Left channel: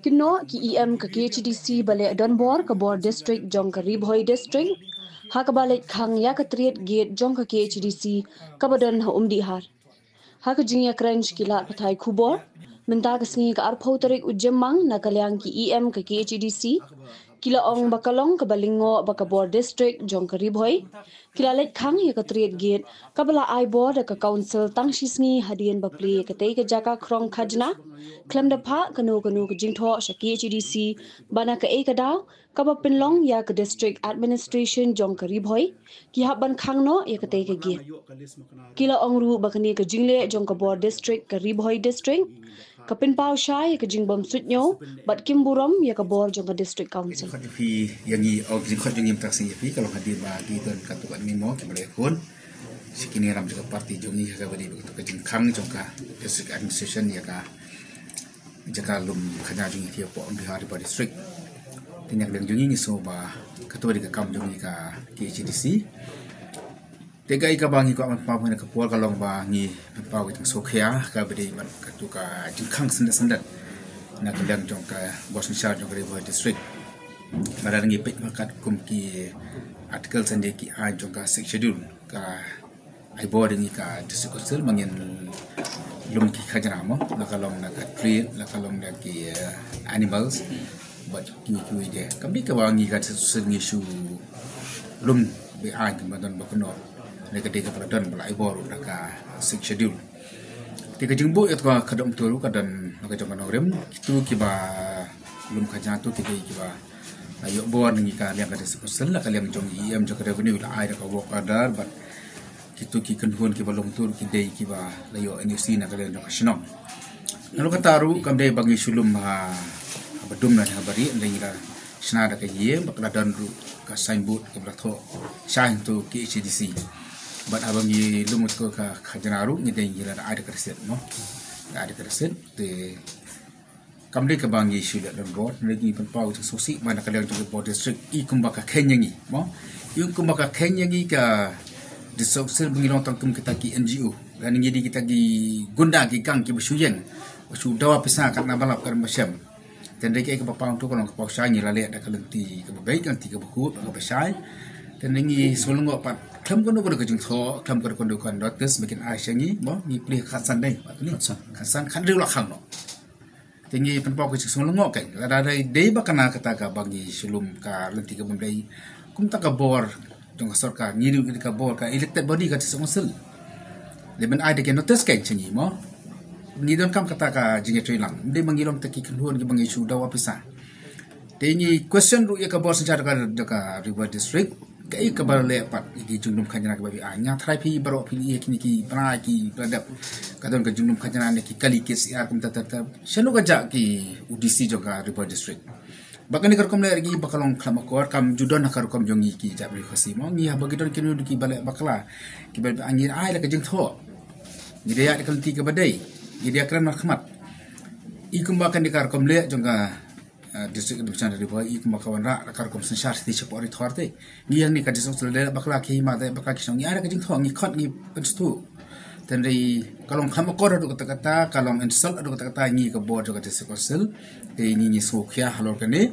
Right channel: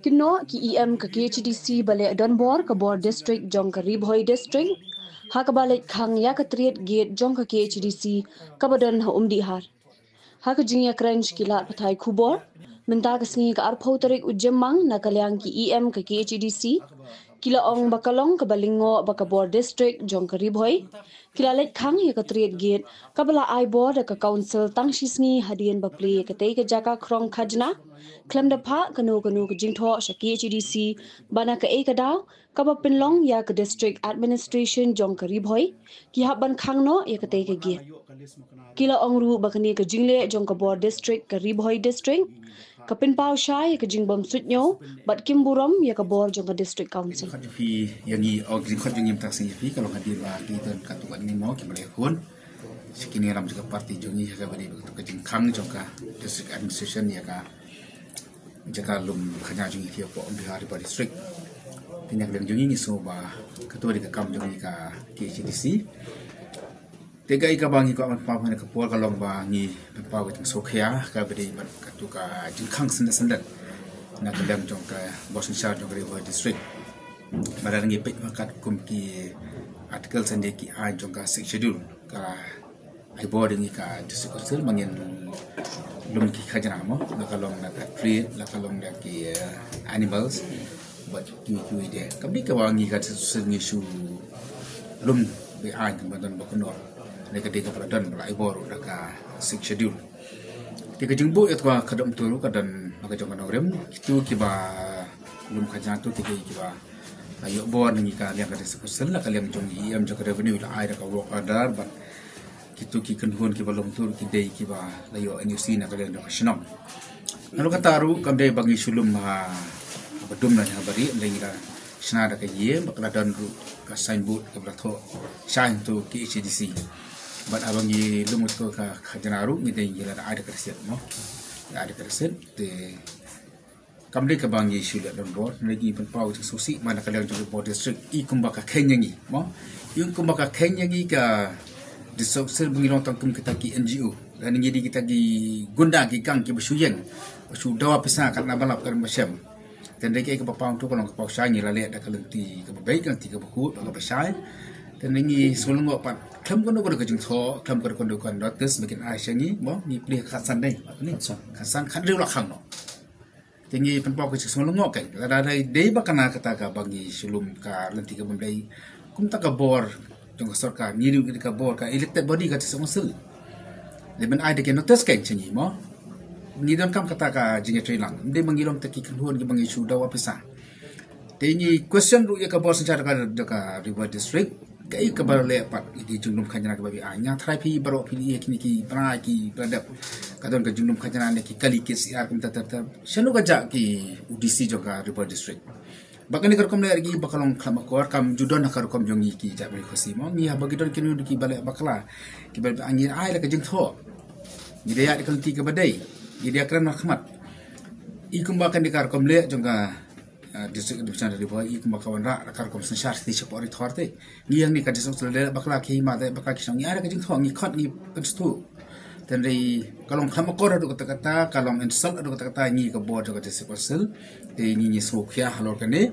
Kino ki EM ke KHDC balik Donbor ke Bor District jong ke Ribhoi District. Ha ke balik khang ya ke triat gate jong ke KHDC ke badan ha umdi har. Ha ke jingya krench kilat patai kubor. Minta ke sengi ke arpau tarik ujemang na kalyang ki EM ke KHDC. Kila ong bakalong ke balingo baka Bor District jong ke Ribhoi. Kila let khang ya ke triat gate ke bala ai bor ke council tang shisngi hadian bapli ke tei ke jaka krong khajna. Klem dapa kanu ke jingtho sha KHDC bana ke e kadaw ka ba pinlong ya ke district administration jong ke Ribhoi ki hab ban khang no ya ke te ke git kila ongru bakani ke jingle jong ke Bor District ke Ribhoi District ka pinpau sha ya ke jingbom sutnyo bat kimburom ya ke Bor jong ke district council fi yang i og jing khot jing taksi fi kalau hadir ba ki ton katukan min mo ki bale kon sikini ram juga parti jong i ka bari begitu ke jing khang jong ka district administration ya ka jaka lum khanya jungi fi po on hari pada district tinyak dang jungi so ba ketua di kam jungi ka KHDC tega ika bangi ko amat pa ke pol kalong ba ni pa wit sokhya ka bedi ban katu ka jingkhang sendat na kedam jong ka bosen sha jong ka district mara ngi pit makat kum ki artikel sende ki a jong ka schedule kala ai boarding ka district council mangin lum ki khajana mo nakalong na tree nakalong na ki animals but ki ide kamdi ka wangi ka sengi shu lum be a ngam bakuno negatif kepadatan belai boru naka schedule. Tiga jengbu itu kadang turu kadang naga jangan orang itu kiba belum kajian tu tiga kiba ayo bor ni kalian kada sekusel lah kalian jong IM jong revenue lah air kau kadar but itu ki kenhun kiba belum turu kidai kiba ayo NUC nak kalian jong senang. Lalu kataru kamde bangi sulum ha bedum na habari ndengira senada kaye bakaladan ru ka signboard ka bratho sign tu KHDC. But abang ye lumut ko ka khajanaru ni deng ye ada kreset no ada kreset te kamde ka bang ye sila don board lagi penpau tu susi mana kalian tu Bor District i kumbaka Kenya ni mo yung kumbaka Kenya ni ka disoksil bungilong tangkum kita ki NGO dan jadi kita gi gunda gi gang ki besuyen besu dawa pesa kan balap kan masyam dan deki ke papau tu kalau papau sai ni lale ada kelenti ke baik kan tiga buku ke besai dan ini sulung apa Klam kono kono kajing tho, klam kono kono notice bikin Aisyah ni, mo ni pilih kasan deh, ni kasan kan dia ulakang no. Tinggi penpau kecik sulung mo kan, ada day bakana kata ka bangi sulum ka lenti ka bendai, kum tak ka bor, jong kasor ka ngiru ka bor ka elected body ka tisong sel. Leben ada ke notice kan sini mo, ni don kam kata ka jinga trilang, dia mangilong taki kenhuan ki bangi sudah wapisa. Tinggi question ru ya ka bor secara ka River District. Kaya kabar lepat di jungnum khajana ke babi anya thai phi baro phi ye kini ki pra ki pradap kadon ke jungnum khajana ne ki kali ke siar kum tatar shanu ka ja ki UDC joka River District bakani kar kom le gi bakalong khama kor kam judon kar kom jongi ki jabi khosi mo mi ha bagidon kini ki bale bakla ki babi anyi ai la ke jing tho ni dia kan ti ke badai ni dia kran khmat i kum bakan di kar kom le jonga district division dari bawah ik makawan ra kar kom sensar ti chepori thorte ni yang ni ka district le bakla ki ma de bakla ki song ya ra ka jing thong ni khot ni penstu dan dari kalong kham kor adu kata kalong insult adu kata ni ka board ka district council te ni sokhya halor kane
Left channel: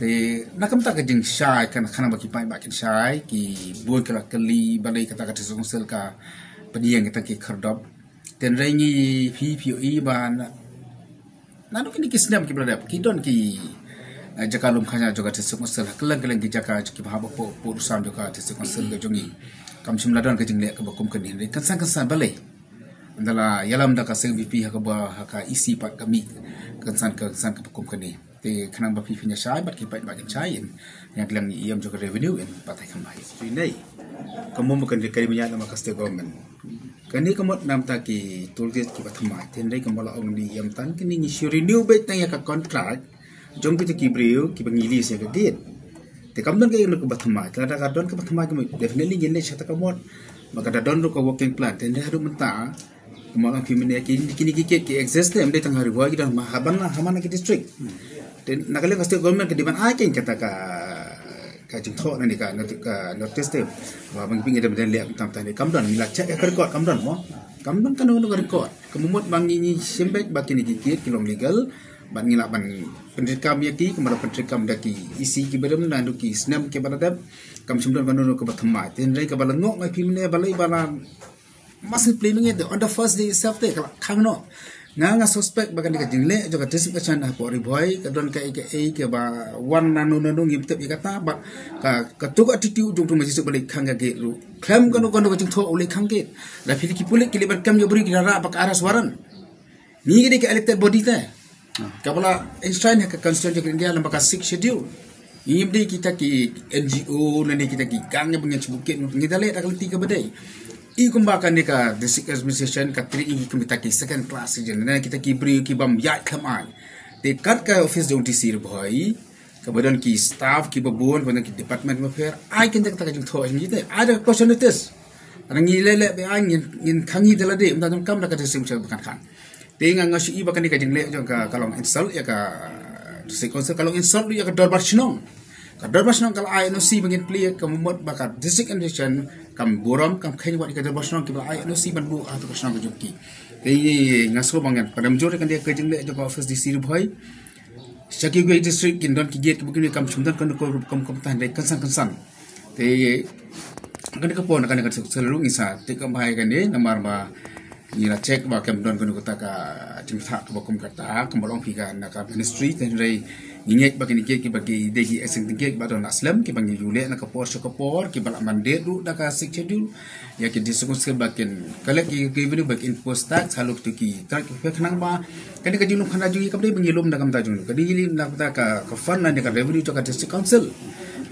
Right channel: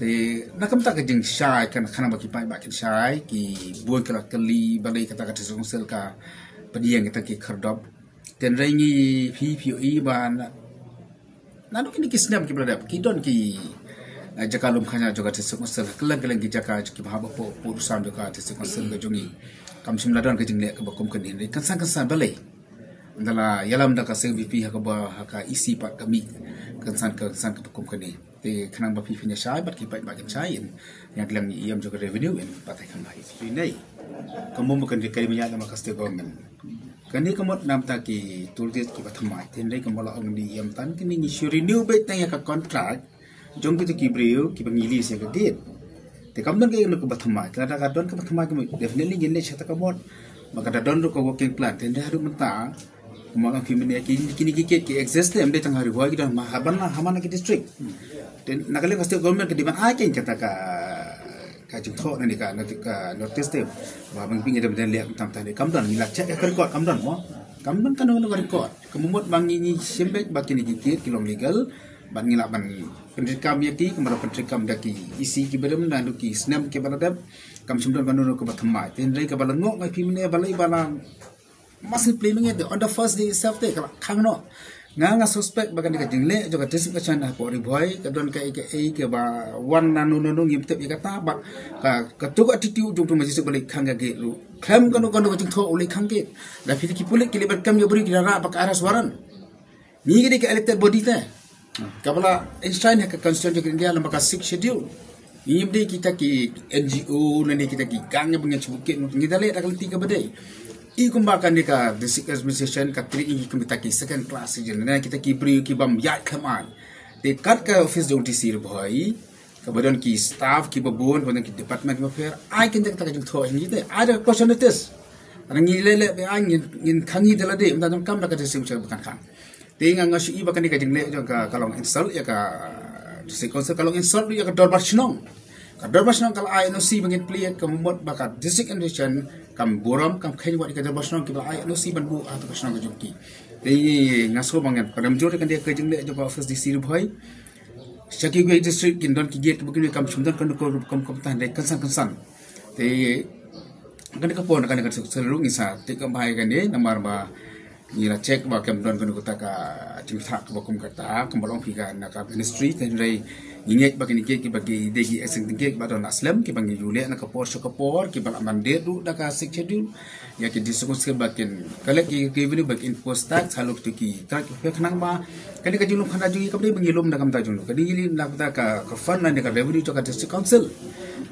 te nakam ta ka jing shai kan khana baki pai bakin shai ki boy kala kali balai kata ka district council ka padiang kita ki khardop dan rai ni PPE ban nanu kini kisnam ki bradap ki don ki jaka lum khanya joka tisuk masal kelang ki jaka ki bahaba po urusam joka tisuk masal ke jongi kam simla don ke jingle ke bakum ke ni kan san balai andala yalam da ka CVP ha ka isi pat kami kan san ke bakum ke ni te khanang ba fi nya shai bat ki pat ba kan shai yang kelang ni iam joka revenue in patai kan bai fi nei kamu bukan dekai minyak nama state government kani kamot nam ta ki tultis ki pathama tenre kamala ong di yam tan kini ni renew bet tanya ka contract jong ki breu ki bangili se ka dit te kamdan ke no ka pathama kada ka don ka pathama ki definitely genne chata kamot maka da don ru ka working plan tenre haru menta kuma ki mene kini ki exist em de tang haru wa ki dan mahaban hamana ki district ten nakale ka state government ki diban aking kata ka ka jing tho na ni ka notice te ma bang ping ada lihat tam tadi kamdan ni la check ka record kamdan kan no record kemumut bang ni sembek bakin ni gigit kilong legal ban ngila ban penrikam yaki kemara penrikam daki isi ki bedem na duki snap ke baladab kam sumdon kan no ka bathma tin rei ka balangok ngai pimne balai bala masih playing it on the first day itself te kala khangno nga suspect bakan di jingle jo ka tisik ka chana po ri boy ka don ka ke ba wan nanu ngim te kata ba ka tuk attitude jong tung majis balik khanga ge lu klam kono jing tho ule khange da phili ki pulik ki lebar kam yo bri ki ra ba ka aras waran ni ge ke elected body te kabala Einstein ka constitution India lamba ka 6 schedule imdi kita ki NGO nani kita ki gangnya pengen sebukin ngida le takal tiga badai I kumbakan ni ka district administration ka tri igi kumita ki second class jen na kita ki bri ki bam ya khamai te kat ka office jong TC bhai ka badan ki staff ki babon badan ki department of fair ai kin tak jong tho ni te ada opportunities anang ni lele be ai in khangi dala de mda kam da ka district bukan kan te nga si I bakan ni ka jing le jong ka kalong insult ya ka district council kalong insult ya ka dorbar shnong ka dorbar shnong kala ai no si bangin play ka mumot baka district administration kam buram kam khain wat ikadar basno ki ai no si ban bu atau basno ko jokki ei ngasul bangen padam jore kan dia ke jingle jo office di sir bhai saki go district kin don ki get bugin kam sumdan kan ko kam tan de kansan te kan ka pon kan ka selalu isa te kam bhai kan ni namar ba ni na check ba kam don kan ko ta ka chimtha ko kum kata kam bolong piga na ka ministry ten rei ingek bagi nikek ki bagi degi eseng tingek ba don aslam ki bangi yule na kapor ki bala mandate du da ka schedule ya ki diskus ke bakin kala ki revenue back in post tax haluk tu ki tak kenang ba kadi ka jinum khana jungi kabde bangi lum da kam ta jung kadi li na ka fund na ka revenue to ka district council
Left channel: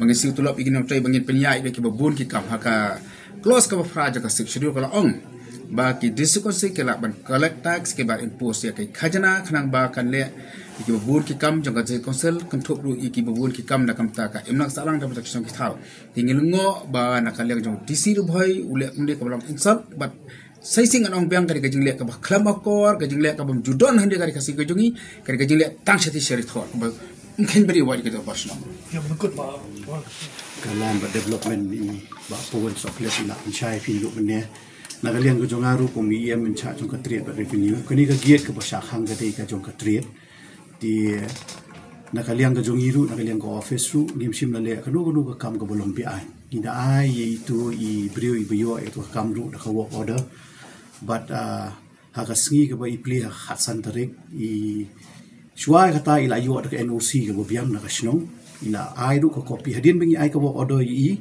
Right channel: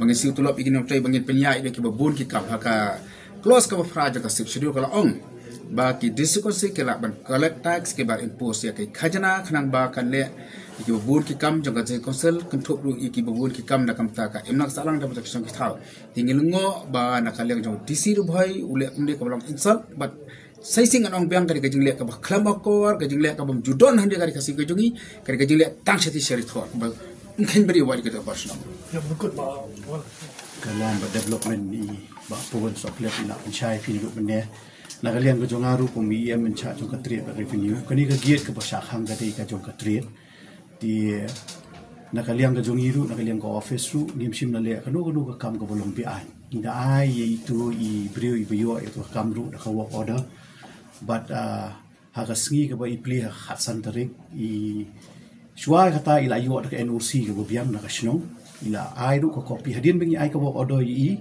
bangi si tulop igin trai bangi penyai ki babun ki kam ka close ka praja ka schedule kala ong ba ki district council ke la ban collect tax ke ba impose ya ki khajana khanang ba kan le iki babun ki kam jangka je council kentuk ru iki babun ki kam da kam ta ka emnak salang da tak song ki thau tingilungo ba nakaliang jong DC ru bhai ule kumde ka long insult but sai sing anong biang ka jing le ka ba khlam akor ka jing le ka bam judon hande ka kasi ka jungi ka jing le tang shati shari thot ba mungkin beri wadi ka basno ya betul pak kalam ba development ni ba puan so place na inchai fi yo bne nakaliang ka jong aru ko mi em cha jong ka trade ba revenue kani ka giet ka ba sha khang ka dei ka jong ka trade di nakaliang ka jongiru nakaliang ka office ru ngimsim na le kanu ka kam ka bolong pi ai ida ai itu I brio I bio itu kam ru ka work order but ha ka sngi ka ba I pli ha khatsan tarik I shwai kata ila yo ka NOC ka biam na ka shnong ila ai ru ka copy hadin bangi ai ka work order I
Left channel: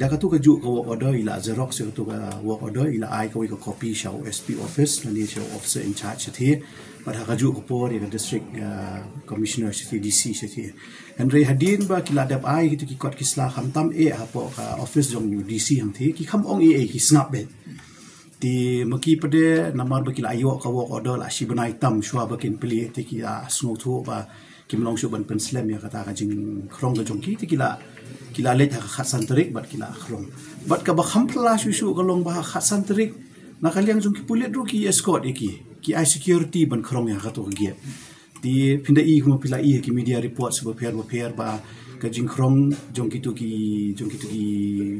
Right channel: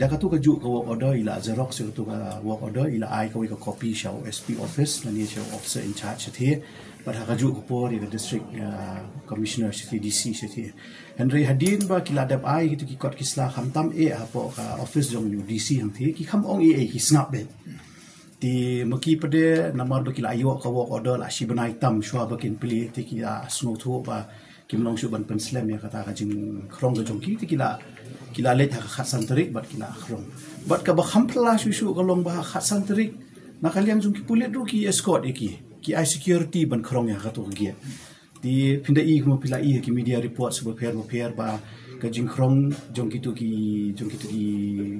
da ka tu ka ju ka work order ila xerox tu ka work order ila ai ka wi ka copy shaw SP office na ni shaw officer in charge the but haju ko por in district commissioner CDC city Henry hadin ba kiladap ai gitu ki kot kisla khamtam hapo ka office jong DC hang thi ki kham ong ki snap be ti maki pade namar ba kila ayo ka work order la shi banai tam shwa ba kin pili ti ki snow thu ba kim long shu ban pen slam ya kata ka jing khrong ga jong ki ti kila let ha khasan tarik bat kila khrong bat ka ba kham pla shu ka long ba khasan tarik nakaliang jong ki pulit ru ki escort ki ai security ban khrong yang khato gi di pinda I kuma pila I ki media report se pair ba ka jing khrong jong ki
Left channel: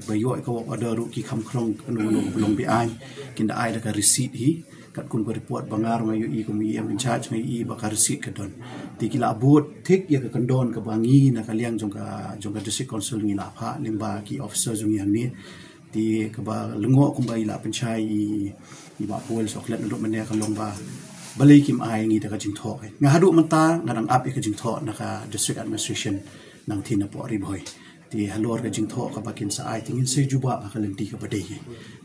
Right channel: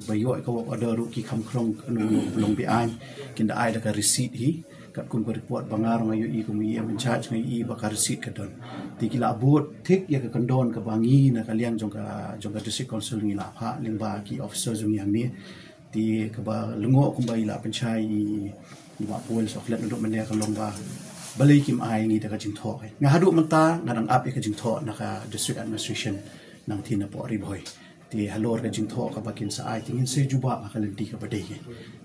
bayo ka order ru ki kham khrong anu belong bi ai kinda ai da ka receipt hi kat kun ko report bangar ngayu I kuma I in charge ngai I ba ka receipt ka don ti kila bot thik ya ka kandon ka bangi na kaliang jong ka district council ni la pha limba ki officer jong yang ni ti ka ba lengo kumba ila penchai I ba puel soklet untuk menia ka lomba balik kim ai ngi ta ka jing tho nga hadu manta ngadang up ka jing tho na ka district administration nang thina po ri bhoi ti halor ka jing tho ka bakin sa ai tingin se juba ka lenti ka badai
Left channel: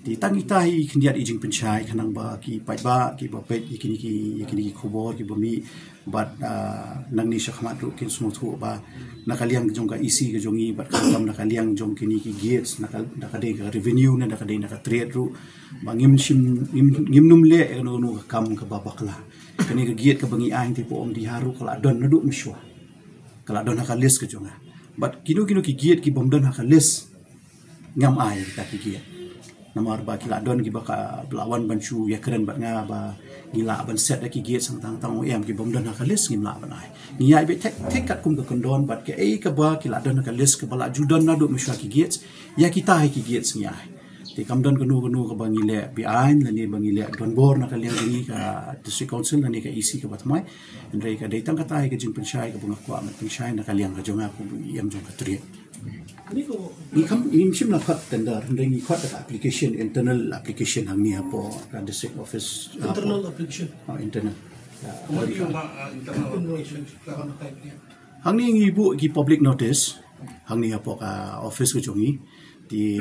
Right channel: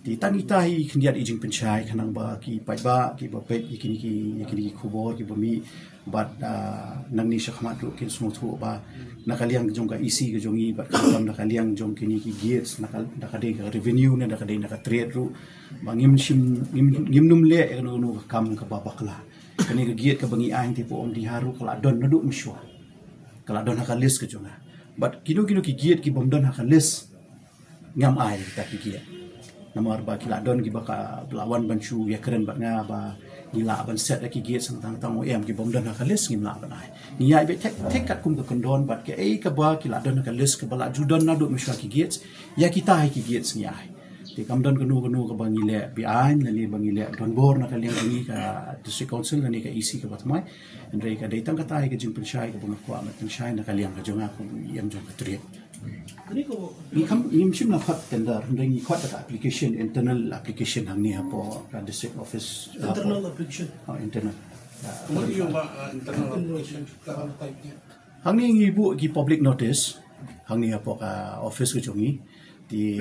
ti tangi tai khindiat I jing penchai khanang ba ki pai ba ki ba pe ki khubor ki bomi bat nang ni shakhmat ru kin smu thu ba nakaliang jong ka isi ka jongi bat kam nakaliang jong kini ki gates nakade ka revenue na nakade na ka trade ru bangim num le nu kam ka babakla kini ka giat ka bangi aing ti po om di haru kala don nadu miswa kala don ka list ka jonga but kinu ki giat ki bom don ka list ngam ai kita ki giat namar ba kila don ki ba ka lawan banchu ya keren ba nga ba ngila ban set lagi gate sang tang OM ki bom dan ka list ngila ban ai ngiai be tek kat kum ka kondon bat ke ka ba ki la dan ka list ka bala judan na do miswa ki gate ya kita hai ki gate ngiai ti kam don kanu ka bangile bi ain na ni bangile don bor na ka liang ni ka district council na ni ka EC ka batmai ndre ka dei tang ka tai ka jing penshai ka bunga kwa ma penshai na ka liang ka jonga ku yam jong ka tri ni kam shim na khat tender ndre ni khat ka application internal application hang ni apo ka district office internal application internal what you internal application hang ni ngi bu ki public notice hang ni apo ka office ka jongi di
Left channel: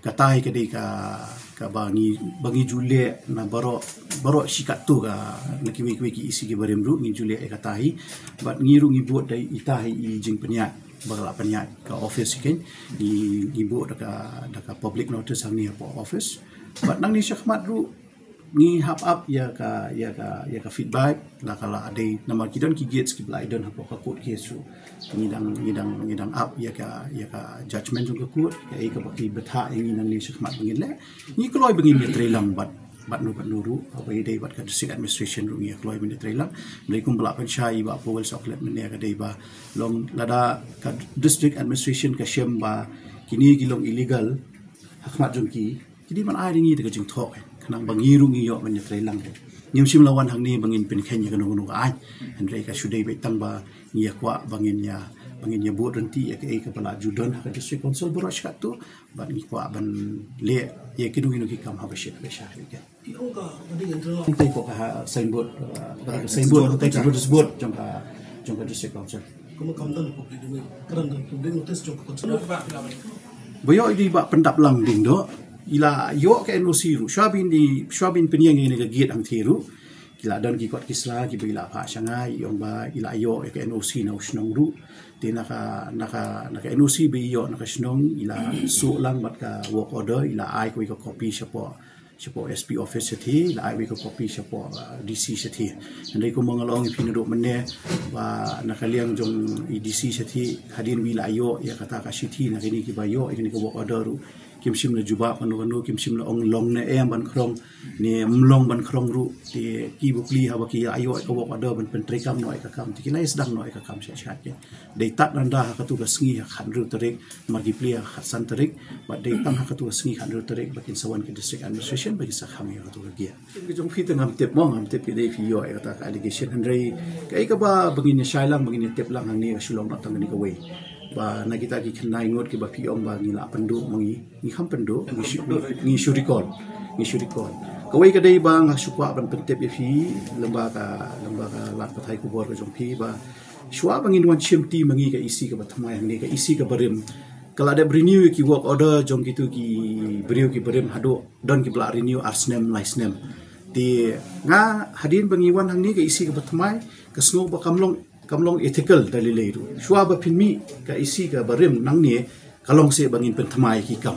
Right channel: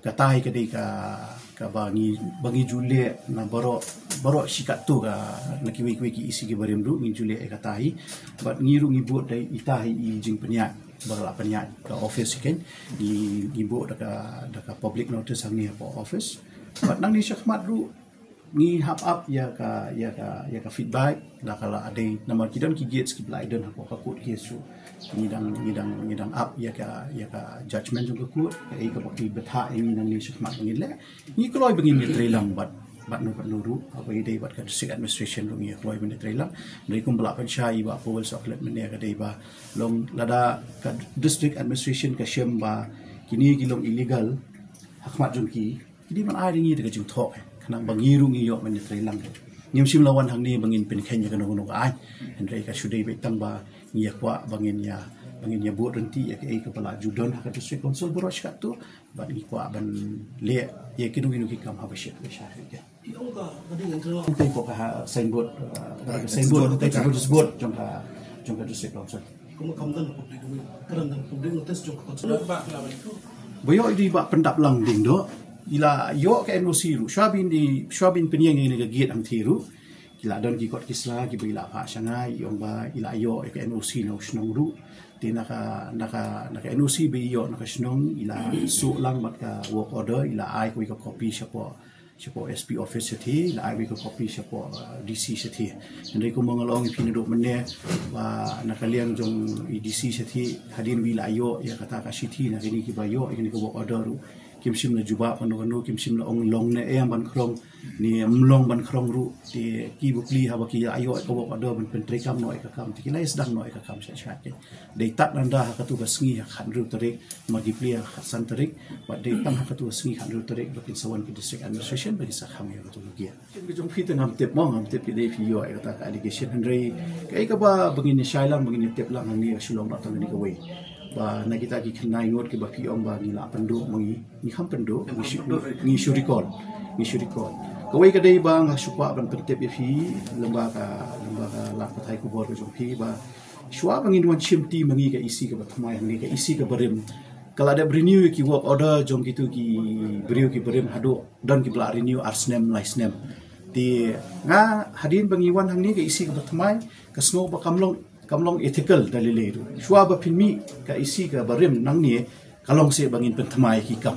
katai ka dei ka bangi jule na baro sikat tu ka nakiwi ki isi ki barem ru ngi jule e katai bat ngiru ngi bu dai itahi i jing penya bala penya ka office ken ngi bu da ka public notice hang ni apo office bat nang ni syakmat ru ni hap up ya ka feedback la kala ade nama kidan ki gates ki blai don apo ka kod yesu ngidang up ya ka judgment jong ka kod ka bakti betha ini nang ni syakmat ngin le ni kloi bengin ni trelang bat no ru apa ide bat ka district administration ru ni kloi ben trelang melikum bala pen syai ba powel soklet men ya ka dei ba long lada ka district administration ka syem ba kini gilong illegal hakmat jong ki kini man ai ringi de jing thok kanang bangiru ngi yo men trelang nim sim lawan hang ni bangin pen khenya ka no ai hendrai ka sudai be tang ba ngi kwa bangin ya bu renti ya ka bala judon ka district council borosh ka tu ba ngi kwa ban le ya kinu ki kam ha ba shi ya Ika ada internal Tay po ka signboard tay ka notice board jong ka district council kuma kamdan public domain karan dan public notice jong ko tsana ba la ba ko boyo di ba pendap lang ding do ila yo ka NOC ru shwabin penyeng ni ka gate ang thiru ila don ki kot kisla ki bila pha sanga yong ba ila yo ka NOC na usnong ru ti naka NOC bi yo naka snong ila su lang bat ka work order ila ai ko ka copy siapa SP office sethi la ai ko copy siapa DC sethi ndai ko mangalong pinudo menne ba nakaliang jong DC sethi hadin wi la yo ya kata ka sethi na kini ki ba yo ini ko work order ru kim sim na juba panu kim sim na ong long na em ban krong ni mlong ban krong ru ti ki bukli ha ba ki ayo ko work order ban pentri kam noi ka kam ti kilai sedang noi ka kam sha sha ke dei tat nanda ha ka tu ka sngi ha khan ru tarik margi pli ha san tarik ba dei tam ha ka tu sngi khan ru tarik bakin sawan ke district administration bagi sa kham ya tu gi ki jong fit ngam tep mo ngam tep ki dei fi yo ka ta allegation hendrai kai ka ba bangin ni shailang bangin ni tep lang ni sulong na tang ni ka wei ba na kita ki khnai ngot ki ba pi ong ba ngila pendu mangi ni kham pendu ni shurikol kawai ka dei ba nga sukwa ban pentep ya fi lembaga la pathai ku bor ka jong pi ba shwa bangin wan chimti mangi ka isi ka bathmai hang ka isi ka barim kala ada renew ki work order jong gitu ki beriu ki barim hado don ki bla renew arsnem license di nga hadin bangiwan hang ni ka isi ka bathmai ka snow ba kamlong ethical dalile ru shwa ba pinmi ka isi ka barim nang ni kalong se bangin pentmai ki kam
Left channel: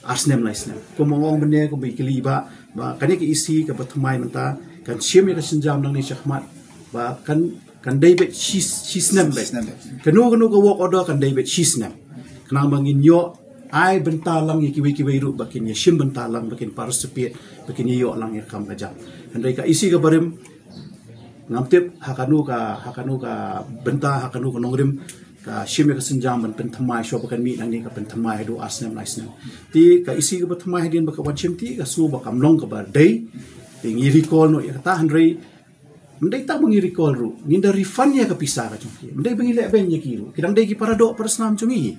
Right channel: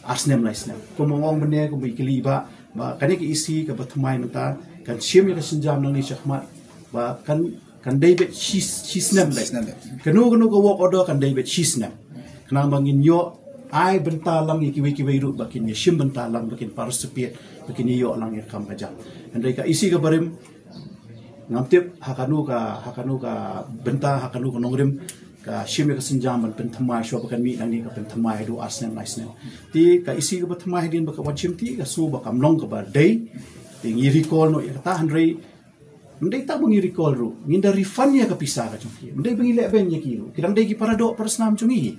arsnem license ko mongong bene ko bikili ba kani ki isi ka bathmai nta kan siam ya ka sinjam nang ni syahmat ba kan David shisnem be kanu ko work order kan David shisnem kanang bangin yo ai bentalang ki kiwi ru bakin ya sim bentalang bakin participate bakin yo lang ya kam kajang andai ka isi ka barim ngamtip hakanu ka benta hakanu ka nongrim ka sim ya ka sinjam ban penthamai sho bakan mi nang ni ka penthamai do arsnem license ti ka isi ka penthamai din baka wan chimti ka su bakam long ka ba dei ti ngi recall no ya ta handrei mendai tak mengi recall ru nginda refund ya ka pisa ka chungki mendai bengi le ben ya kiru kidang dei ki parado persnam chungi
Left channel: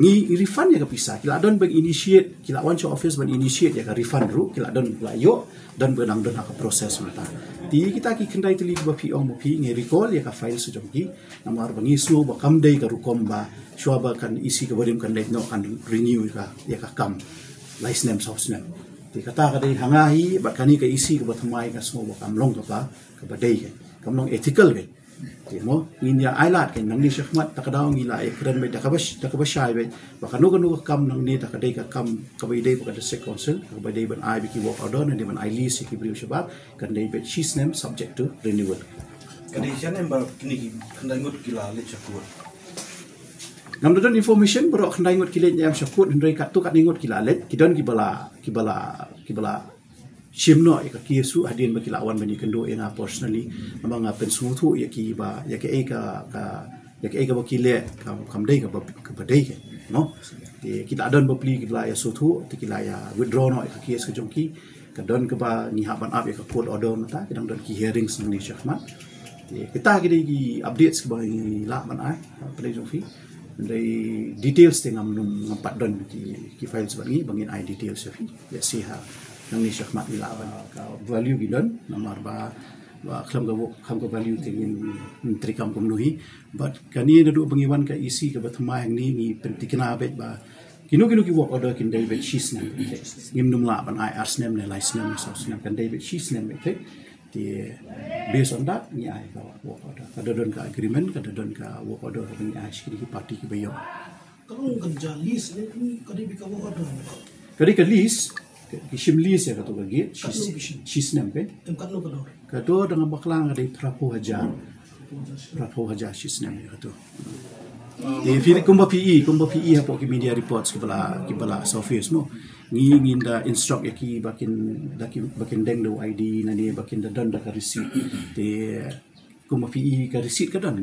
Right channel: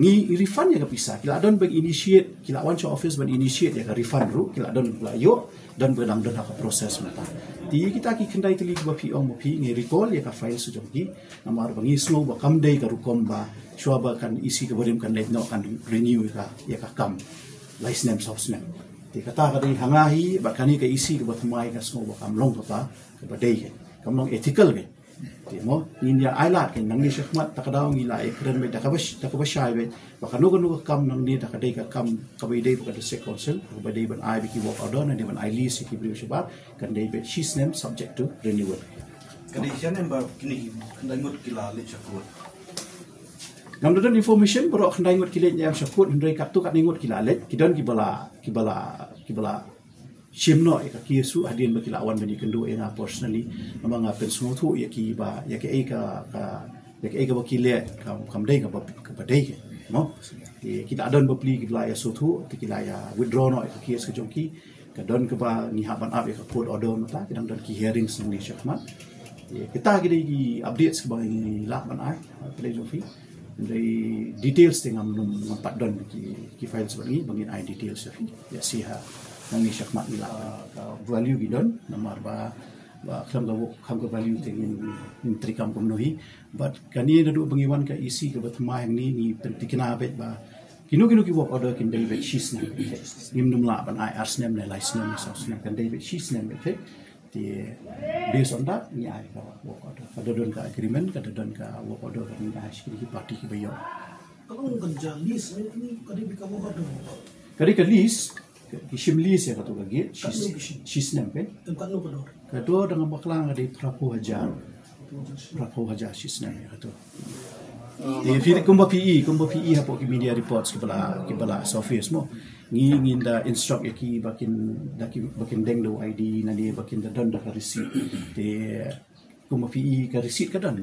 ngi refund ya ka pisa kila don bang initiate kila wan cho office ban initiate ya ka refund ru kila don la yo dan benang don ka proses mata ti kita ki kendai tili ba pi ong pi ngi recall ya ka file su chungki namar bangi su ba kam dei ka rukom ba shwaba kan isi ka barim kan let no kan renew ka ya ka kam license house name ti kata ka dei hangahi ba kani ka isi ka bathmai ka so ba kam long ka pa ka ba dei kam long ethical ke ti mo india ailat ke nang ni syahmat takadaw ngila e kren be takabashai be ba kanu kam nang ni takadei ka kam ka ba dei ba ka district council ka ba dei ban ai bi ki work order na di ban ai list ki briu shabab kan dei be she's name subject to renewal kani sian ba kini kendai ngut kila le chakut nam don information bro kendai ngut kilen yang syakut hendrai kat tu kat ningut kila let kidon kibala shimno ka kisu hadin baki lawan bani kendo ina personally namang apen sutu ya ki ba ya ke ka baki le kam dai ka badai ke no kita adon bapli kita ya sutu kita ya withdraw no ka kies ke jongki ka don ka ba ni haban up ya ka court order no ta kita don ki hearings ni syahmat kita ki updates ke bagi la ban ai pada jongfi dari details tengah mempat don ki file sebagai bangin I details ya siha nang ni syahmat ila value gidon nomor ba kelam ga value tingin trikam komnohi but kani dadu bangiwan ka isi ka bathma yang ni tikina bet ba kinu ki work order kin David Shisnem ngim num la ban I arsnem ne license sosnem kan David Shisnem te di based on that ni ai ka work order kada don ka agreement kada don ka work order ni ai sikri parti ki bayo Kalau kerja list ni kadi bika wo ada. kadi ka list ki shim list ya ka to ka gate Shisnem pe Tempat lu kedor. kado dengan baklang ada Prabu Hajar Shisnem ya ka to fili kumba PE hapo ki media reports ki bala office mo ngin da instruct ki bakin deng do ID na dia bakin da don da ka receipt te kumba PE ka receipt ka don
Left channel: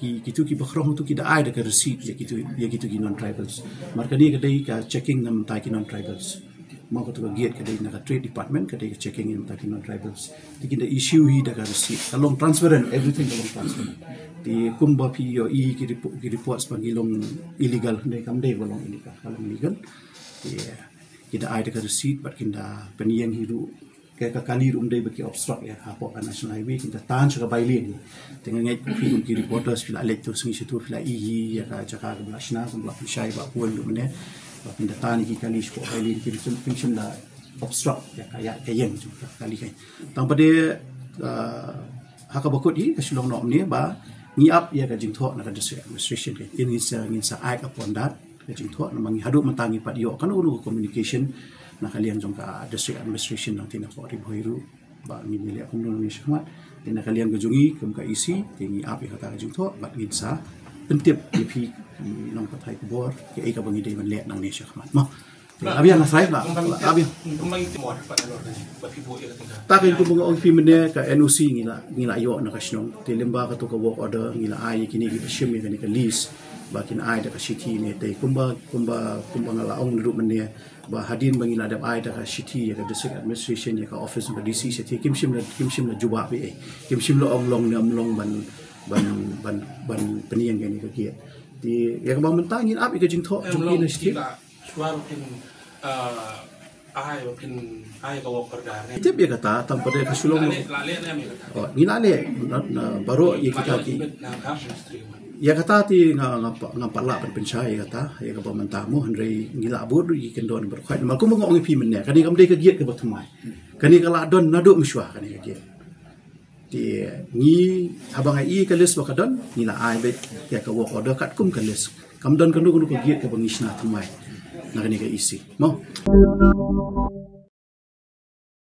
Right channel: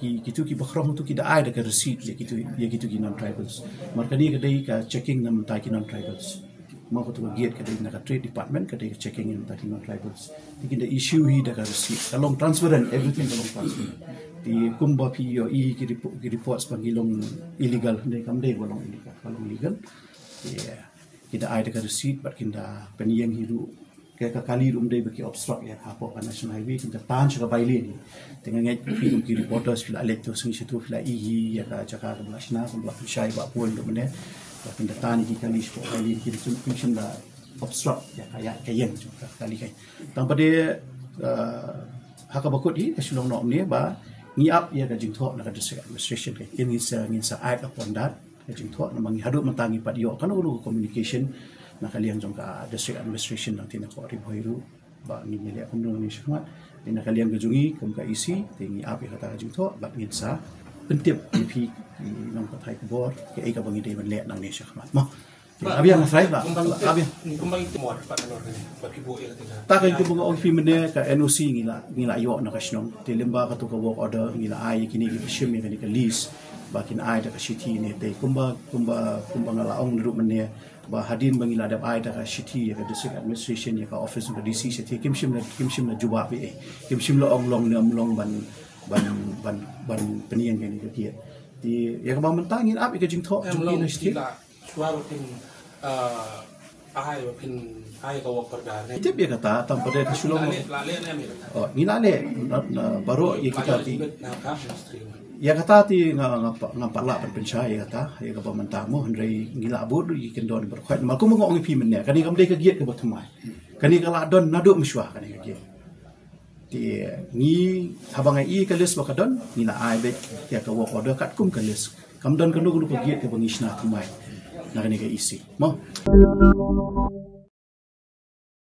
ki kitu ki bakrong tu ki da ai da ka receipt ya kitu ki non tribals marka ni ka dai ka checking nam ta ki non tribals mau ko tu ka gate ka dai na ka trade department ka dai checking in ta ki non tribals ti da issue hi da ka receipt kalong transparent everything kalong transparent di kumba PE ki report sebagai long illegal ni kam dai balong illegal kalong illegal kita ada ke receipt bat kinda peniang hiru ke kali dai baki obstruct ya hapo ka national highway kita tan sa baile ni dengan ngai ki reporters fila let to singi situ fila ya ka jaka ka blasna ka bla shai ba puan do mene kinda tan ki kali ko baile ki function da obstruct ya kayak juga kali kai tanpa de haka bakut di kasulong no ni ba ni up ya ka jingtho na ka district administration ke ini sa act upon that jing thua namang hadu mantangi padio kan uru communication na kalian jong ka district administration nang tina ko riboiru ba ni mile umno ni syahmat tina kalian gejungi kem ka isi tingi api kata jing thua ba ngin sa pentip pi nong patai ko bor ke ai ka bangi de men le nang ni syahmat mo abiang afrai ba abiang ta kay ko mga ofi mene ka NOC ngila yo na kasnong tilimba ka to ka work order ngila ai kini ki shim ni ka list bakin ai da ka city ni te kumba ngala ong ru mene ba hadin bangila da ai da ka city ya ka district administration ya ka office ka DC city kimshim na juba be kimshim lo ong long ngam long ban penien ni ka kia di ya ka mentangin api ka jing tho jing ni city Suara pin ai ka wo korda ne. tiap ya kata tanpa dia kesulong lo ni lale baru ya kita ya kata ti ngapala penpencai kata ya ka pamentamu hendrai ngila bur yi kendon berkhot malku mengong pi menne kani kam dei ka giat ke batumai kani kala don nadu mswa kani ka giat ti ni abang ai ka les bakadon ngila ai be ya ka work order kat kum ka les kam don kanu ka giat ke bangisna tumai na kani ka isi mau